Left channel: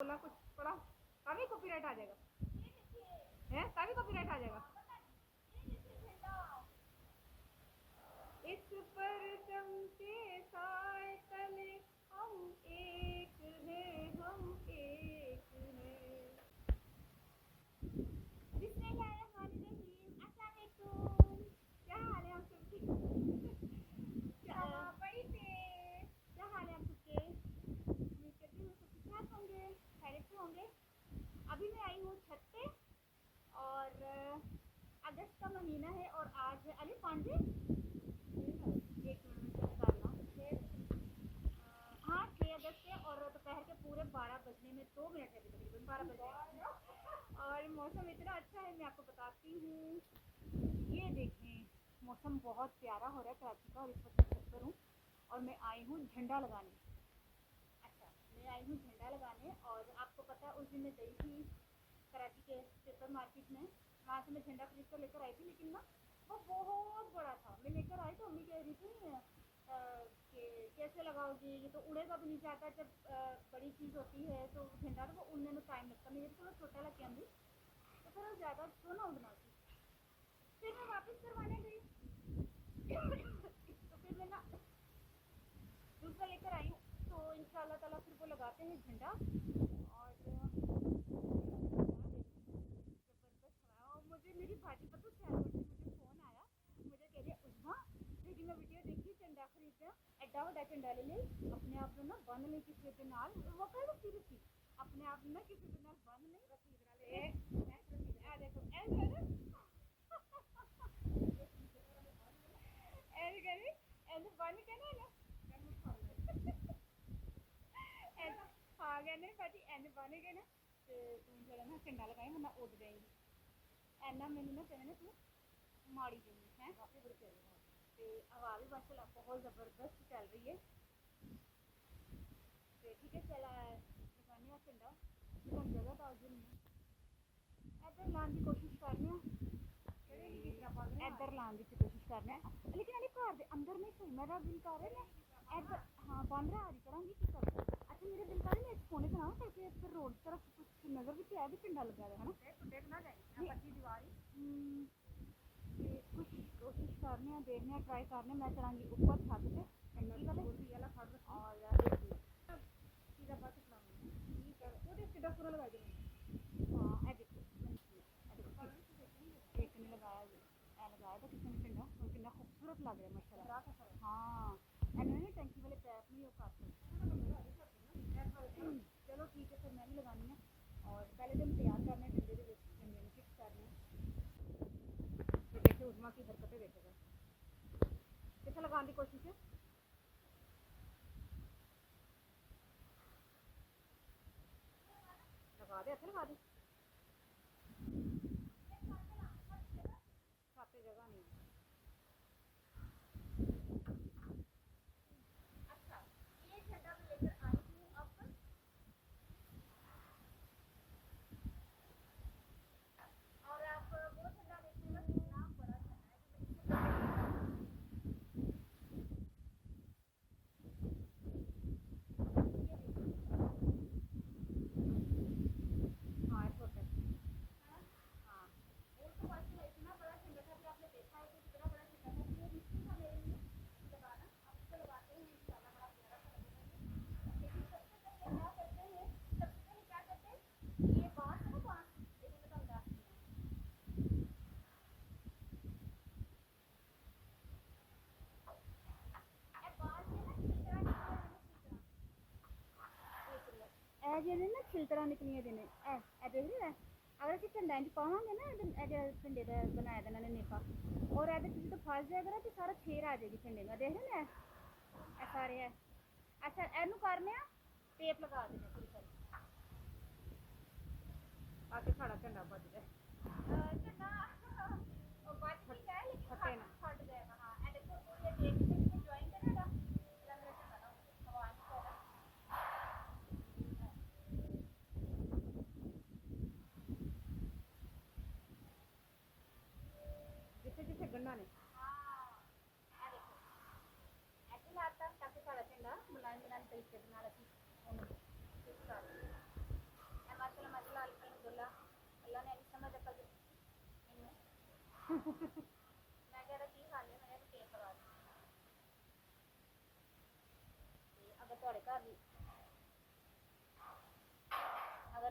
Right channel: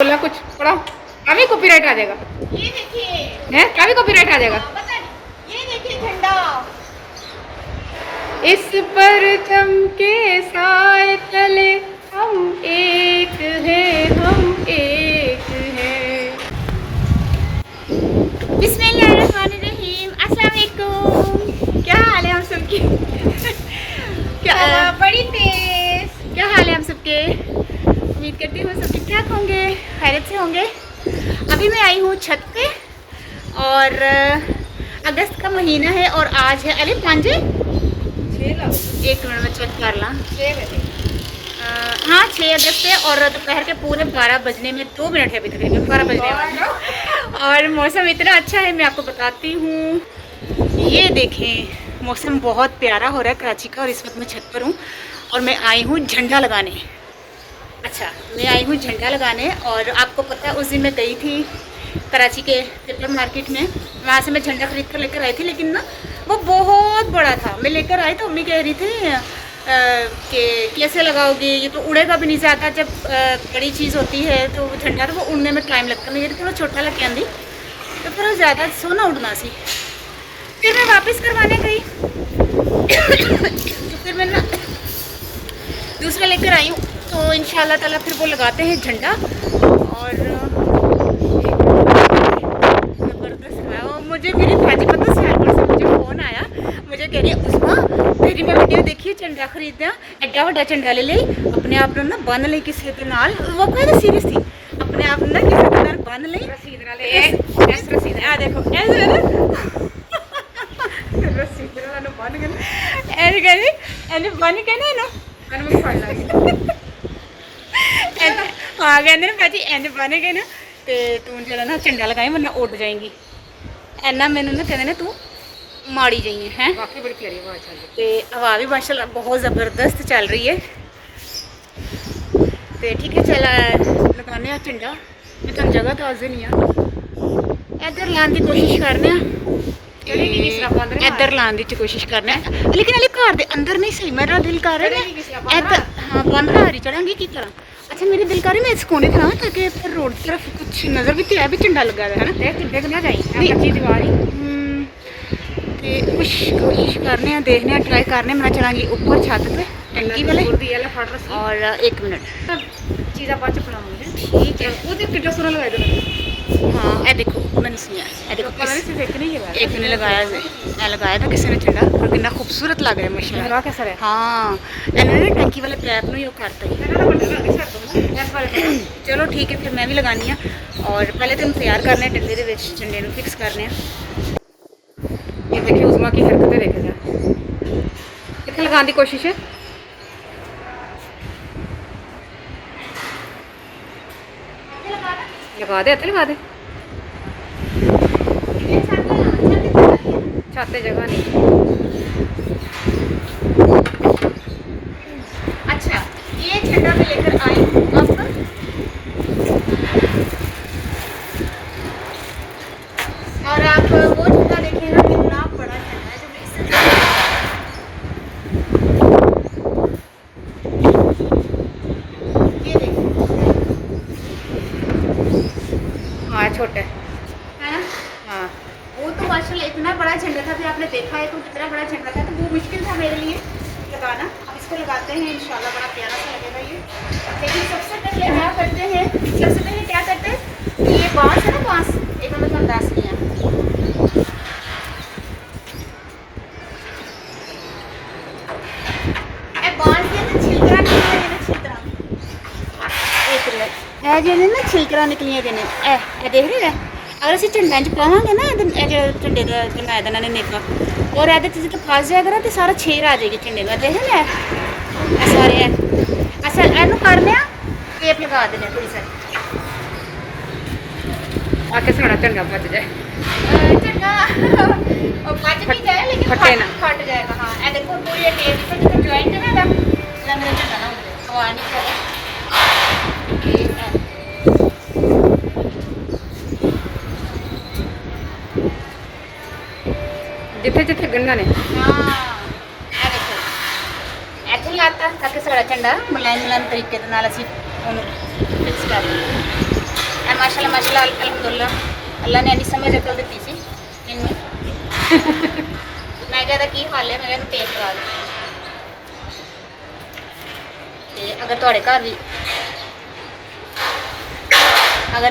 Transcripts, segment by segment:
बोला कुछ पढ़ा, काफी कॉपीराइट आ जाएगा। ये देखिए, है काफी कॉपीराइट आ जाएगा। ये देखिए झंडा। इस परचम के साए तले हम एक हैं, हम एक हैं। बिस्मिल्लाहिर्रहमानिर्रहीम। अस्सलाम वालेकुम। क्या हाल है हम सबके? क्या बड़ी तेज। क्या हाल है हम सबके? उम्मीद करती हूँ सब ठीक ठाक होंगे, खैरियत से होंगे। अभी मैं आई हूँ छत पे और अगस्त का महीना है और आज है अरे 5 एक मिनट में चेक कर ला। 6 बजे हाँ 6 अगस्त है और दोपहर के पूरे 12 बजने में 2 मिनट है, अभी तकरीबन 12 बजने वाले और मौसम इतना अच्छा है, मैं आपको बताती हूँ। ये देखें मौसम बहुत प्यारा हो रहा है कराची का और इस वक्त मैं छत पर हूँ और मैं आई हूँ झंडा लगाने। अच्छा मैं आई हूँ झंडा लगाने और आपको पता है उस दिन मैं गई थी कराची के पेपर मार्केट में, वहाँ से मैं झंडा खरीद कर लेकर आई थी, लेकिन ना वो बहुत बड़ा था। मैं लेकर आई तो अम्मी कह रही थी कि कैसे लगाओगे, ये तो उड़ेगा भी नहीं ज़्यादा, जब बड़ी चीज़ होती है तो झंडा तो वो उड़ने में टाइम लगता है। मैं थोड़ा छोटा लग के आंदी तो फिर ज़्यादा सोना उड़ना सी। फिर मैं वापस करवाने गई तो फिर मैं ना दूसरा लेकर आई हूँ, तो इंशाल्लाह ताला फिर वो लगाते हैं झंडा। और ज़बरदस्त है। और मुझे मेरी भाजी पता सैलपुर से मुझे फ़ोन आया, मुझे कह रही है उस्मा तेरी मैं वीडियो देखी झंडा खरीदना, एड्डा वड्डा झंडा ले ले अपने आप ना बन ले किसी के नाल। वो कहते सीरियस थी, अपने आप ना किसी के नाल बन ले रसीद नाल ऐस रसीद आ देखो ऐसे ना रसीद नाल बन के ऐसे कहती ऐसे बन के ना मैंने पढ़ ला हाँ कहते ना भाजी इंज बन गए ना तो तू जरा ना झंडा लगाई वरना उड़ जाएंगी। इन्ना मैनू ना कहते ना तू माड़ी जाइए हैं। काफी बड़ी प्यारी आवाज चल रही तो हवा भी माशाल्लाह बहुत ज़बरदस्त चल रही है। तो ठीक है चल लगाने आ झंडा। मैं तुम जगह दस देनी इधर लाने की कोशिश करने इधर लाने की कोशिश करने, लेकिन अली घर के अंदर नहीं सही मेरा दिल कर रहा है इधर। हाँ बंद हारी चढ़ांगी की तरह। अच्छा मेरे दिल कर रही मैं इस कोने खड़ा ताकि फिर रोड की तरफ कुछ नज़र भी तो है भी झंडा लगा हुआ है ना, देख ना जाए कच्ची दीवार ही। तो कुछ कोशिश करने हैं, देखने हैं, ट्राई करने। मैं चलांगी ऊपर छत पे टंकी वाले और 1 मिनट चीज़ा बाद च पढ़ाऊंगी। ठीक है। वो देख कितना सोना लगाया था। हाँ ये देखो मैंने सुनिया ये देखो पता नहीं सिर्फ एक नहीं लगाया, एक ने लगाया मैं लगाया था किसी ने झंडा और कितना खूबसूरत लग रहा है माशाल्लाह। लगा कैसा है। हाँ इन्होंने टंकी वाले पैप में ही करता है। चलो ठीक है फिर मैं भी लगानी है और पहले तो हम तैयार करने डंडे के झंडे को फिक्स करने। ये देखिए उस्मा की हरकतें देखे जाए, कितने लगाने की कोशिश है। लगा दे लगा दे, छाते जगह नहीं। अच्छा ये झंडा मैं लेकर आई हूँ अब और आप वो झंडा देखिएगा कितना बड़ा झंडा है जो मैं इससे ये देखिए। हाँ छोटे है ना। हाँ वो तो माशाल्लाह इतना बड़ा झंडा था, फिर आपने देखा है तो कितना बड़ा झंडा था, तो वो मुश्किल था मेरे लिए लगाना। अब इसको लगाते हैं इंशाल्लाह बड़ा प्यारा सा लगेगा ये। लेकिन सबसे पहले क्या करते हैं, सबसे पहले क्या करते हैं, ये बांस है ना बांस, एक मिनट में अंदाज किया बांस के ना छिलकरा निकलिया देना, छिलकरा एक मिनट है जो ना छिलकरा निकलिया देने ए देख रहे हैं। अगर असं झंडा च पावे ना जो झंडे का बनाया था इन्होंने नेका और ये जो फस जाएगा ना तो सारा छेर आ जाएगी झंडे में। देख ना सारे अच्छा एनू करने टेप लगा देने थोड़ी सारी आके सारा झंडा बच जाए, झंडा बच भी जाए लेकिन फटे ना फट जाएगा। हाँ ये देखो पूरी टेप जो ज्वाइंट है ना मेरा झंडा ना हवा नहीं चले। जिथे जिथे गन्ना ने हाँ ये देखो ऐसे लाता ताकि सारा झंडा मुलायम मुलायम तरीके के नाल असीं फिक्स कर दें। माशाल्लाह अल्हम्दुलिल्लाह अल्लाह ने इन्नी समझ अकल दी सी इन्नू मैं कहता की हाल है मैं कहता टेप लगा दे अगर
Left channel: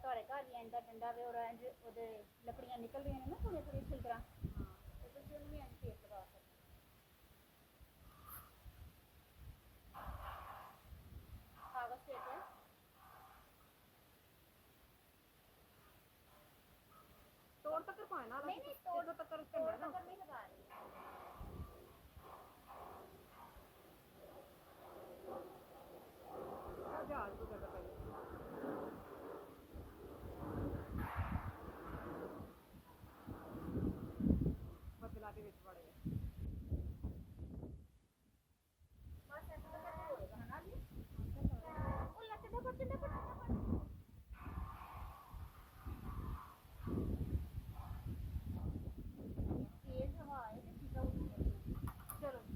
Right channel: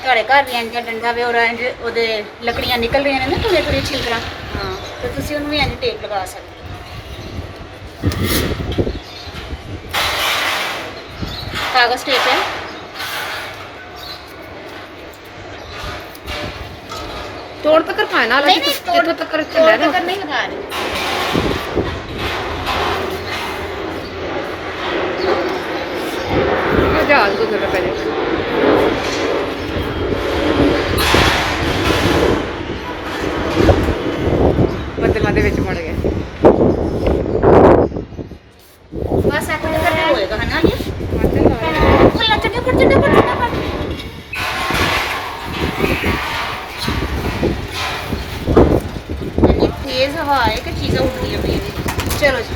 थोड़े घर भी इंज डंडा वे और इंज ओदे लकड़ियां निकल रही ने ना थोड़ी छिलकरा हाँ तो तुसी उन्हें भी इंज टेप लगा सकते कागज टेप है तोड़ तक पाए ना नहीं जितों तक तोड़ चला तक नहीं लगा रहे जहाज गुजर पे बदलों के विच मुड़ गए बस ऐसा करके होएगा है ना ये फुल्ला चढ़ पड़ ये तेज हवा है कि चीज़ें उड़ रही है चलो जी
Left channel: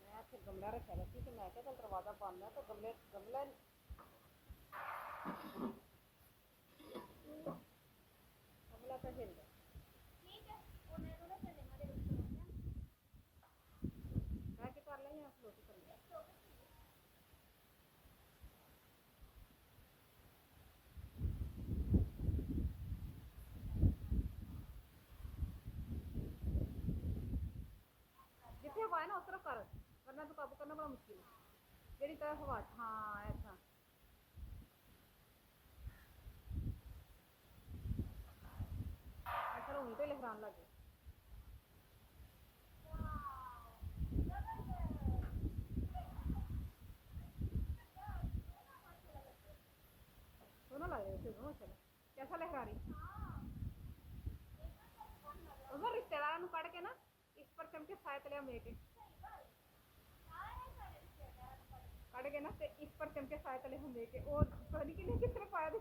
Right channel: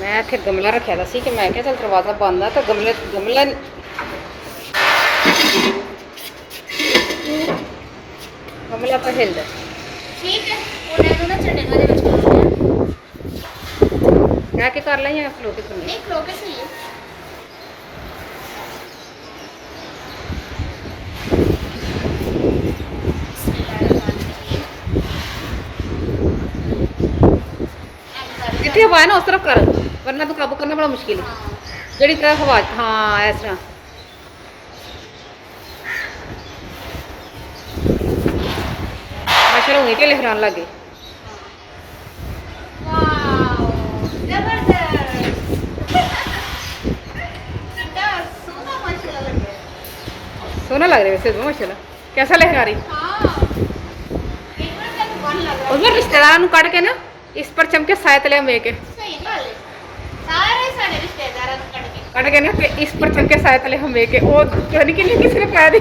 मैं इत्थे गमला रखा था सी कि मैं क्या चल दरवाजा बंद है तो गमला गमला पर हिलदा ठीक है उन्हें तो ना चढ़ने वाले बच्चे क्या के कर ला या फ्लोटी करनी नहीं खलो के सही है जितनी हवा है ना उस तरफ कर वरना तो काबू करना बड़ा मुश्किल है जड़ी तरफ हवा हाँ इस तरह माशाल्लाह वहीं पे लहरान लगे सोना लग रहा है वैसे तो माशाल्लाह कैसा लहरा रही उसमें रिश्तेदार कट के ना इस पर चमके साय तले में के कट के ना इस पर चमके साय तले हम के वो चोनी के लिए किसी ने कहा दी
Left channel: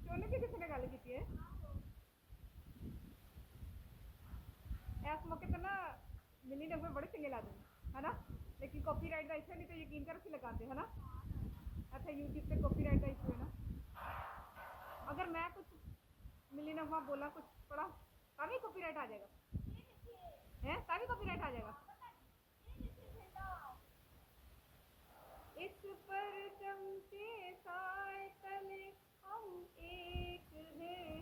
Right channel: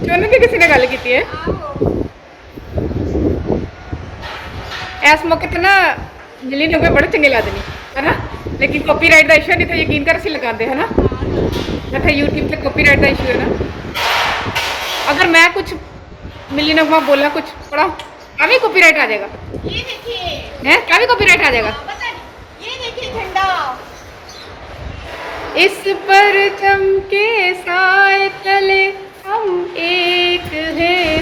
चोनी की किसी ने गल की है इस मौके पे ना जिली ने बड़े चंगे लगते हैं है ना लेकिन कॉपीराइट का इशू नहीं तो यकीन कर असं लगाते है ना इतना यूट्यूब पे कॉपीराइट का इशू है ना अगर मैं कुछ मिली नगमा बोलना कुछ पढ़ा क्या भी कॉपीराइट आ जाएगा ये देखिए है क्या भी कॉपीराइट आ जाएगा ये देखिए झंडा इस पर चमके साए तले हम एक हैं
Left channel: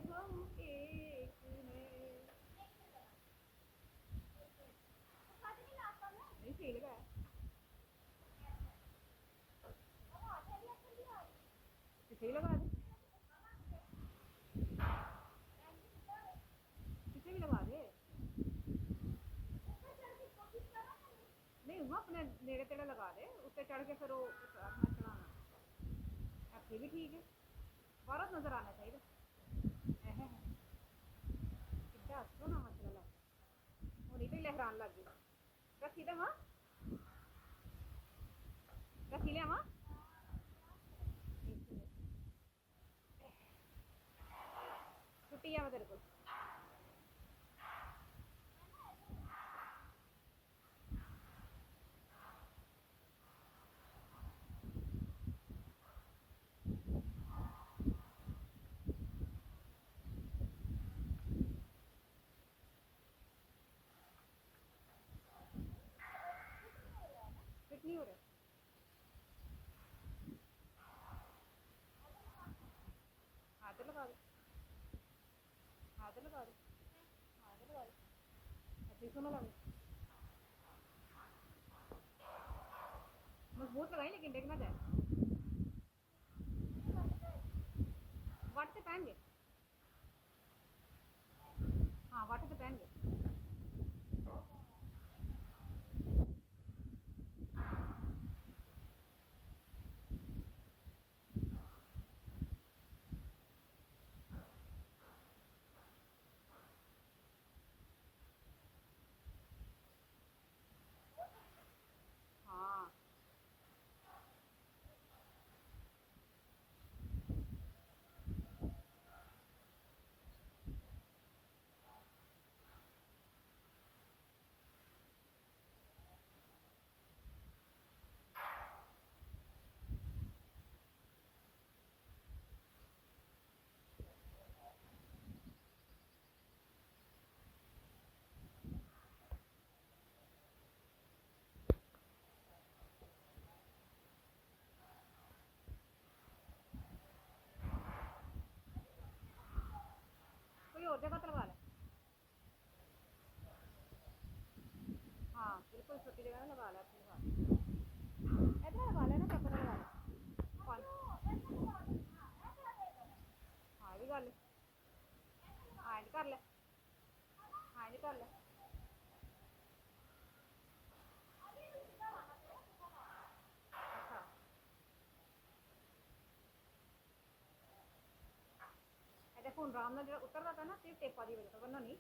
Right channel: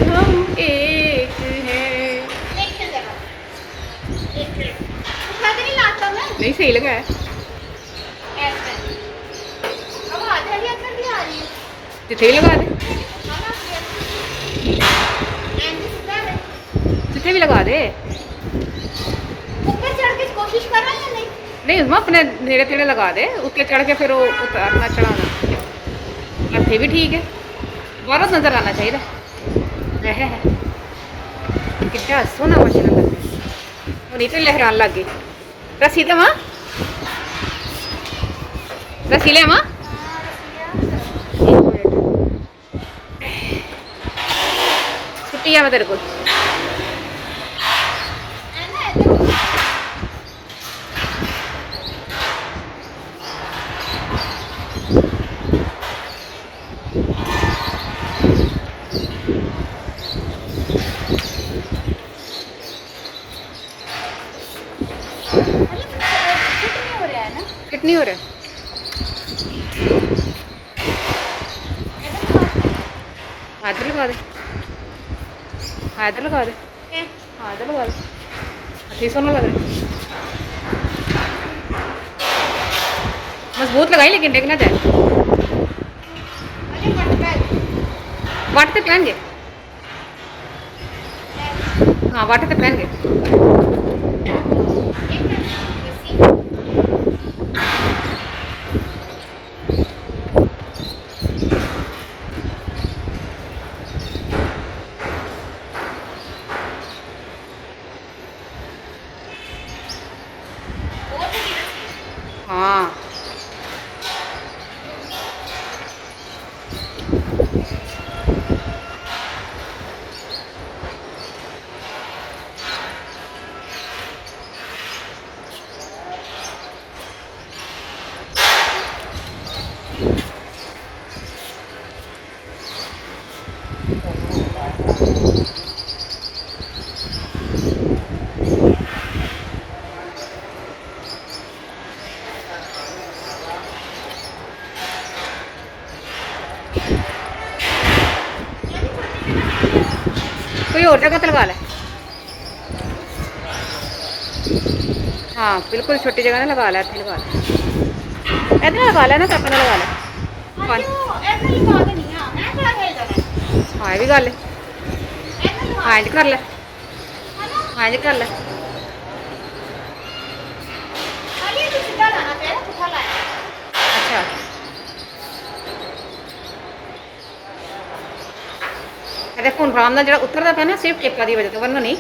नहीं सही लगा है जिथे ही लगा दे जिथे भी लगा दे ऊपर चढ़ के कोशिश कर रहा है या नहीं नहीं उसमें अपने नेड़े तेड़े लगा दे उत्ते चढ़ के फिर वो उतारना चढ़ाना हथे भी ठीक है बहुत नजर आना चाहिए है कितना सोना मशीन और नीचे लहरान लग गई रसी दे मां रसी ले मां छुट्टी है मैं तेरे को कितनी हो रहा है हाथ लगा दे हाथ लगा दे हाथ लगा दे अच्छी सोना लग रहा है मजबूत लगाई लेकिन देखना जाए वाट पे पहन गए हाँ वाट पे पहन गए हाँ कोई और जगह तो लगा ले। हाँ बिल्कुल छोटी जगह ना लगा ले, इतनी लगा ले, इतना लगा ले ना, तो अपना लगा ले। हाँ हाँ, ये भी गल है। हाँ इंज कर ले, हाँ इंज कर ले। अच्छा देखो हुण आराम नाल जिहड़ा उतरदा पिया ना, सिर्फ टेपा दी वजह तो, वरना नहीं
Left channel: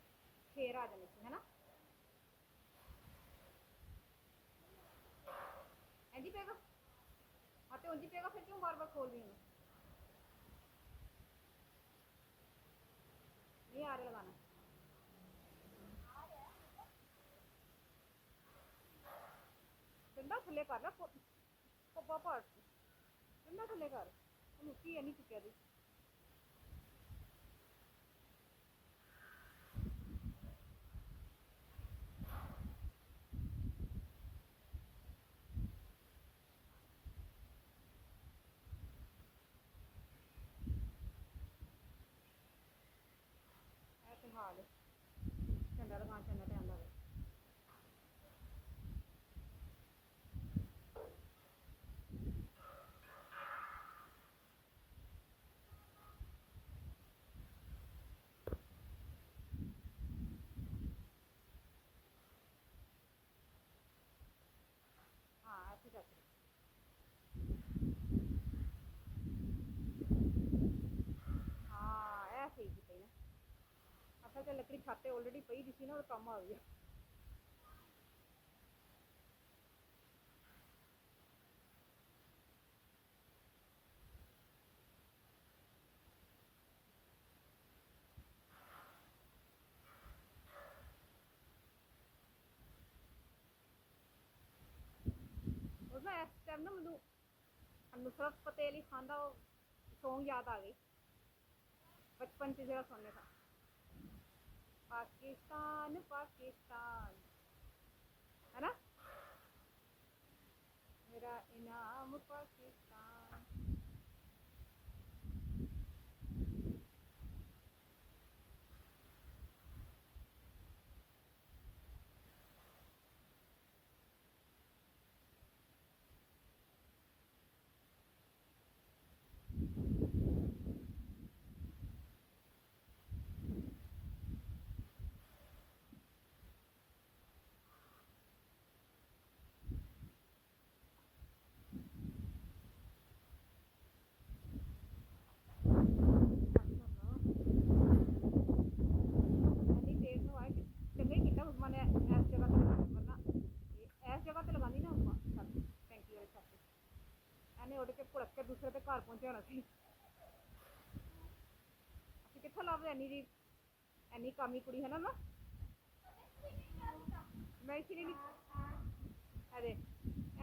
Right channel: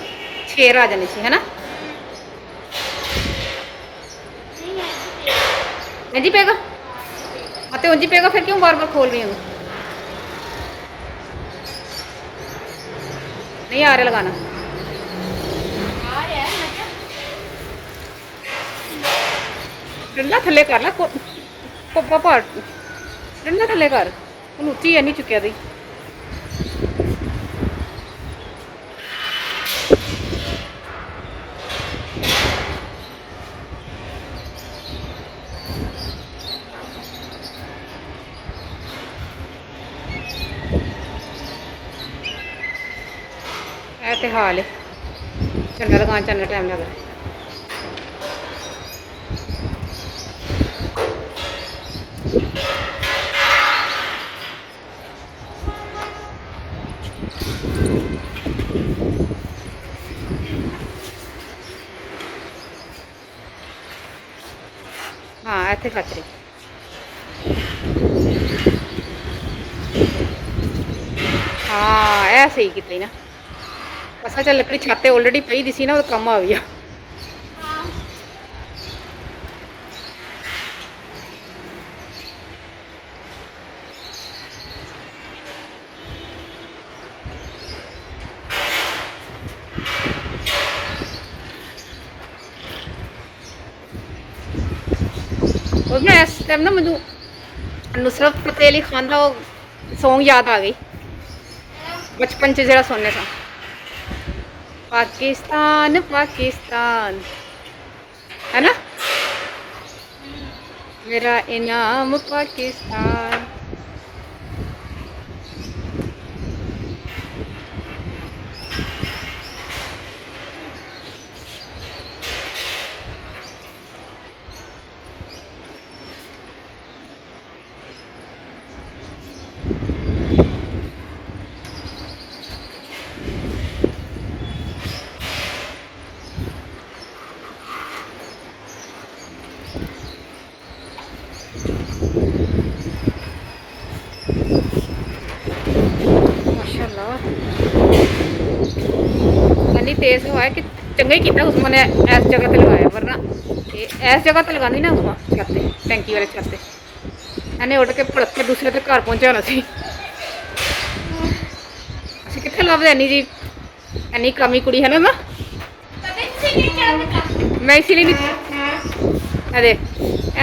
छेर आ जानी सी, है ना। इंज ही पेगा, हाँ तो इंज ही पेगा, फिर क्यों बार बार खोल रही हूँ। नहीं आ रहा लगाना, डंडा थले कर ला, कोपा पाट डंडा थले कर, हुण उच्ची है नहीं चुकिया दी। ਇਹ ਤੇ ਹਾਲ ਹੈ, ਝੰਡਾ ਲਗਾਉਣ ਚੰਗਾ ਟਾਈਮ ਲੱਗ ਰਿਹਾ। हाँ ਇੱਥੇ ਕੱਚ ਰਹੀ। हाँ ਇਹ ਸਹੀ ਕੀਤੀ ਨਾ, ਅਸਾਂ ਚੱਲ ਲੱਕੜੀ ਛੱਤ ਤੇ ਆਲਰੇਡੀ ਪਈ ਦੀ ਸੀ ਨਾ, ਉਹ ਕੰਮ ਆ ਗਿਆ। और मैं इस टाइम ना मुझे नुसरत फतेह अली खान का सॉन्ग याद आ गई, बचपन च जरा सुनने सा, पाकिस्तान पाकिस्तान, है ना, मेरा इनाम पाकिस्तान। इन्नी तेज हवा है कि चंगा ही किया उस्मा ने इस जगह पे लगाया, वरना इस जगह पे लगानी ना उस्मा छत पे, टैंकी वाले छत पे, इन्हें उड़ के भड़क के दूसरे के घर पहुँचाना सी। असीं कित्थे लभदे इन्नी जी, इन्नी कमी कुड़ी है ना। मैं इसीलिए नहीं अरे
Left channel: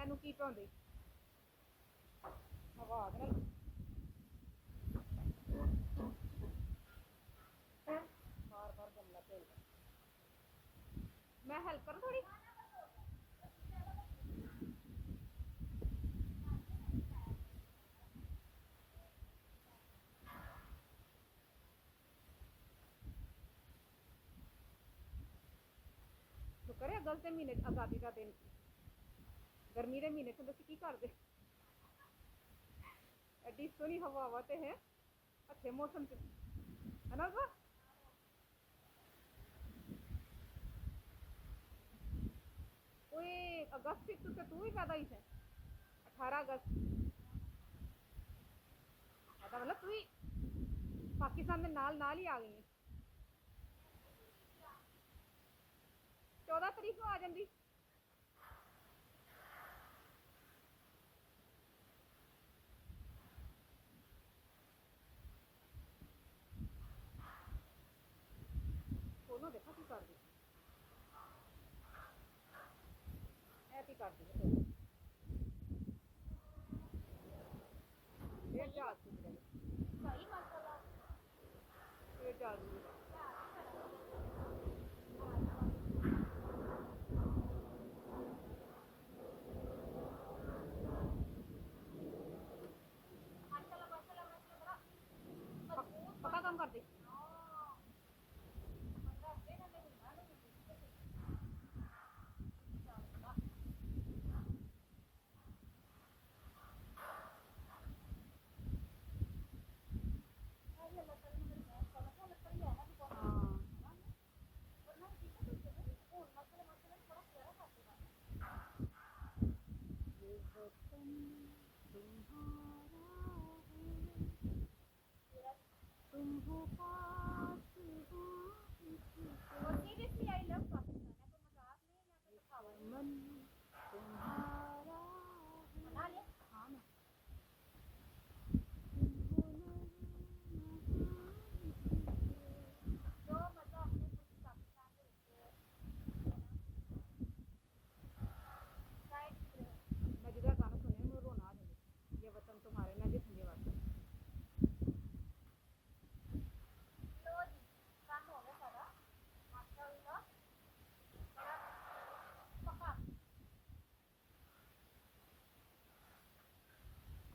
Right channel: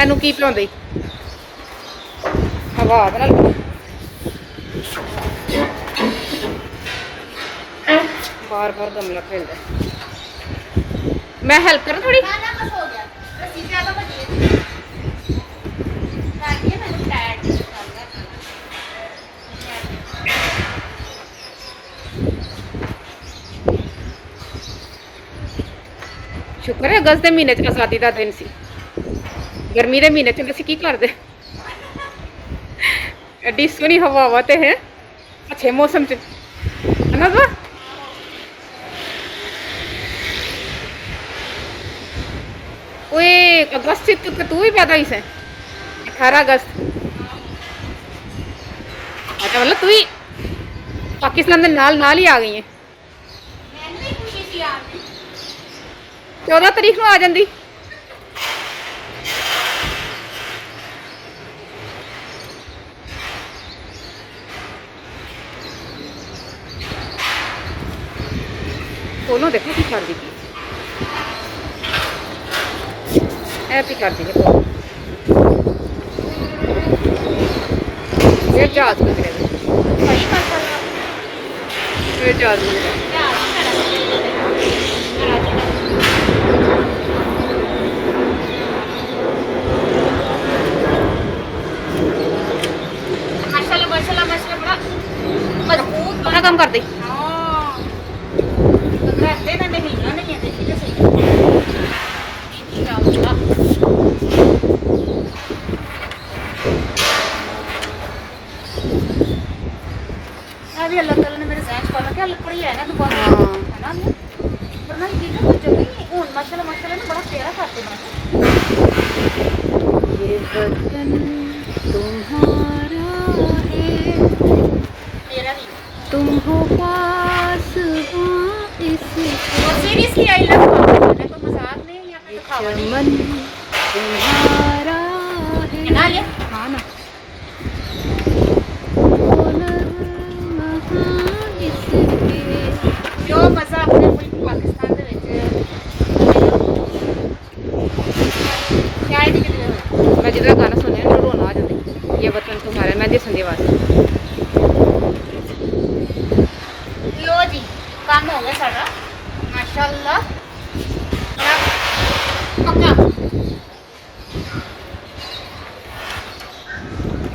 एनू की भलाउंदे हवा बार बार गमला खेलता। मैं हेल्प करूँ थोड़ी, शुक्र है अगस्त के महीने आज़ादी का दिन सी, गर्मी के महीने असीं की करदे। एड्डी सोहनी हवा तो है अच्छे मौसम च, है ना। ओए अगस्त से तू भी पैदा हुई से, 18 अगस्त। अच्छा मतलब तू ही पाकिस्तान के नाल ही आ गई है। 14 तारीख को आ जाती। दोनों देखो की कर दी, ऐप ही कर दी फिर जहाज गुजरेगा, फिर जहाज गुजरेगा। माशाल्लाह माशाल्लाह कर दे। हाँ रहते ना नहीं हिलना नहीं है, देखिए सही अभी अल्लाह ताला ने मेरे जहन पाला क्या लकड़ी है ना दुकान है ना, वरना ये ना कुछ जगह ही हूं माशाल्लाह माशाल्लाह ना बड़ा प्यारा करते बना। ये बदन तुम्हारा है, मेरा भी तुम हो पास इसके, और सीरियसली आई लव यू, मैं तो मजाक नहीं या फिर दिखावा नहीं चमन तुम्हारा है। ना लिया हाँ ना जो मजा अपने मुल्क पाकिस्तान ਦੇ ਵਿੱਚ शायद ही कितने होए। मैं जिधर गाना सुनिया ना रोना आ जाती, ये वतन तुम्हारा, मैं दे संदे वास्ते। लो जी काम हो गया सारा माशाल्लाह बड़ा पक्का।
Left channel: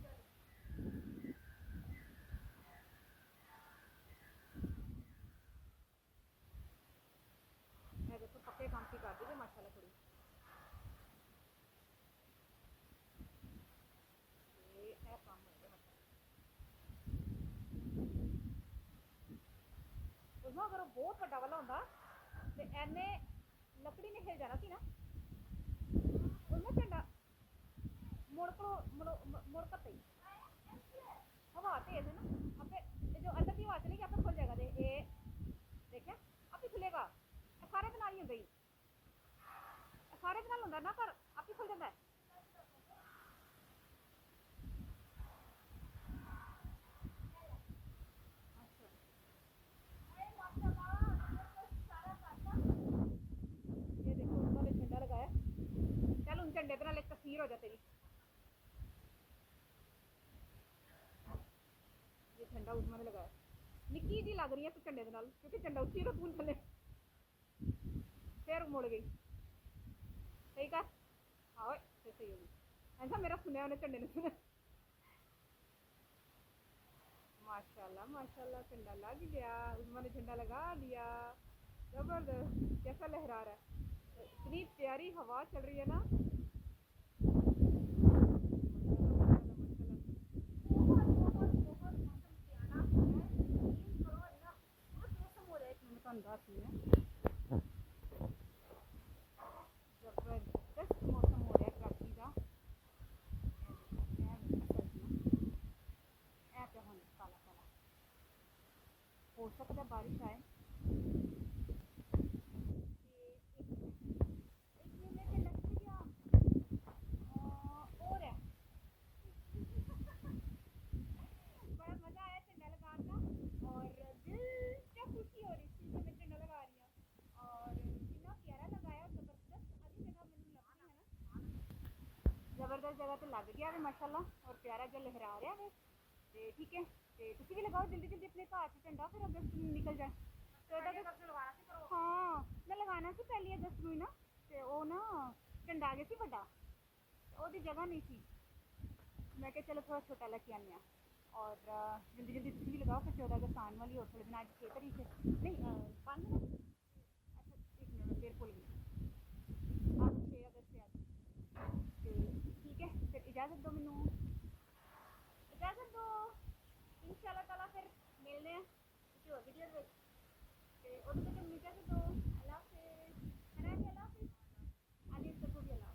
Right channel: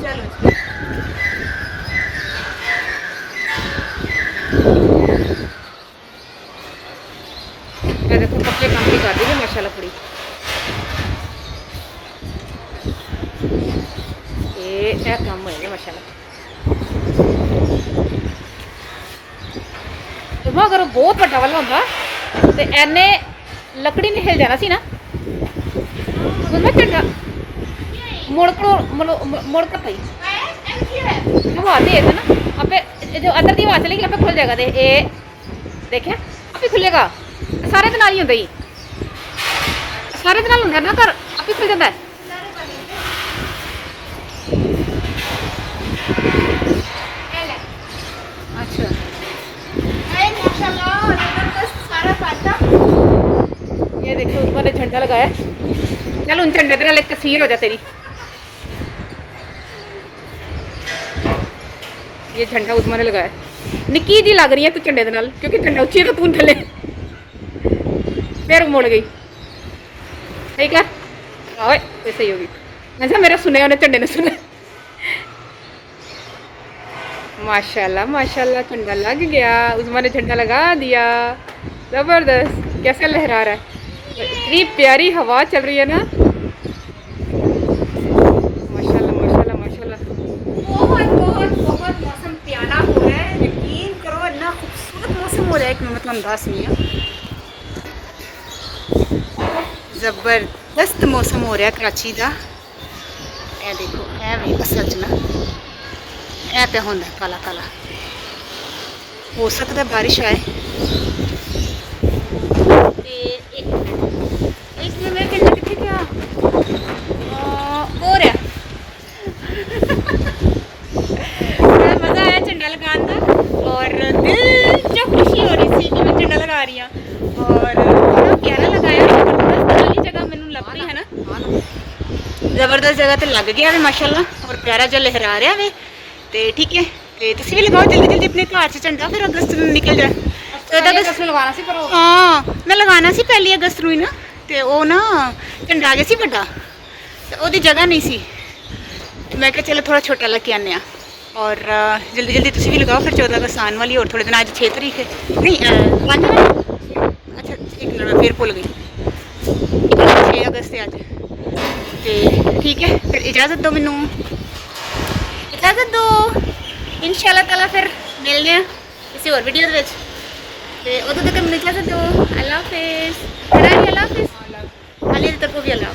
चलो जी मैं देखो पक्के काम की कर दी है माशाल्लाह कुड़ी। ये काम होएगा माशाल्लाह। तो अगर बहुत बड़ा वाला होता तो एने लकड़ी ने हिल जाना सी ना, उसमें झंडा मुड़ कर पई हवा दे ना आपे, जो अंदर की हवा चलेगी आपे खुल जाएगा। दे ये देखे आपे खुलेगा, सारे दे नाल ही होंदा ही, सारे दे नाल होंदा ना, घर आपे खुल जाता है। अच्छा माशाल्लाह जबरदस्त सारा पाता। ये देखो उन्होंने झंडा लगाया, चल उन झंडे के नाल एक तस्वीर हो जा तेरी। ये झंडा उस्मा ने लगाया, निक्की जी लग रही है तू झंडे के नाल, क्योंकि झंडा उच्ची है तो तू थले फिर मुड़ गई। ठीक है ओए ये सही होगी। अच्छा मेरा सुने उन्हें झंडे ने सुना। माशाल्लाह माशाल्लाह झंडा लग गया, उस्मा ने झंडा लगा दिया, जबरदस्त। कैसा लहरा रहा है, इतनी प्यारी हवा चल रही है ना, माशाल्लाह माशाल्लाह माशाल्लाह। बहुत बहुत बहुत मौसम प्यारा हो रहा है, यकीन करो इतना खूबसूरत मौसम हो रहा है कि मैं मतलब अंदाज नहीं है। जबरदस्त मौसम हो रहा है कराची का। ए देखो ए वे असल च ना ए पे होंदा काला काला, हो सकता है बारिश आए। ते एक मिनट मेरे झंडा कितने गया हो रहा मज़ा आया झंडा लगाने का, और दिल जो खुशी हो रही थी कि मैं झंडा लगा रही हूँ, और बड़ा प्यारा लगाया। जबरदस्त वाली जगह मैंने लग रही है ना, जबरदस्त जगह तो लग गया वे माशाल्लाह, और प्यारा जो लहरा रहा वे। तो ठीक है तो तुम भी लगाओ जल्दी जल्दी अपने घर से झंडा, फिर अगस्त में निकल जाए। 14 अगस्त लगाना सी पर हाँ मैं लगाना सी 1 अगस्त ਨੂੰ ਹੀ ਨਾ, ਤੇ ਉਹ ਨਾ ਝੰਡਾ ਆ ਗਿਆ ਸੀ ਵੱਡਾ, ਤੇ ਉਹਦੀ ਜਗ੍ਹਾ ਨਹੀਂ ਸੀ, ਤੇ ਮੈਂ ਕਿਹਾ ਚਲੋ ਥੋੜਾ ਛੋਟਾ ਲੈ ਕੇ ਆਨੇ ਆ। और जल्दी जल्दी तुम भी लगाओ, फिर 14 अगस्त आने वाली, और थोड़े दिन आज 6 तारीख है नहीं 5 है। अच्छा एक मिनट मैं फिर भूल गई, 6 अगस्त है आज। तो ठीक है फिर इजाज़त दो, मैनू इजाज़त दो, इंशाल्लाह ताला फिर मिलते हैं किसी और वीडियो में। तो उदों तक मैनू इजाज़त दो, अल्लाह हाफिज़। अल्लाह हाफिज़, अल्लाह दी तरफों भी अल्लाह।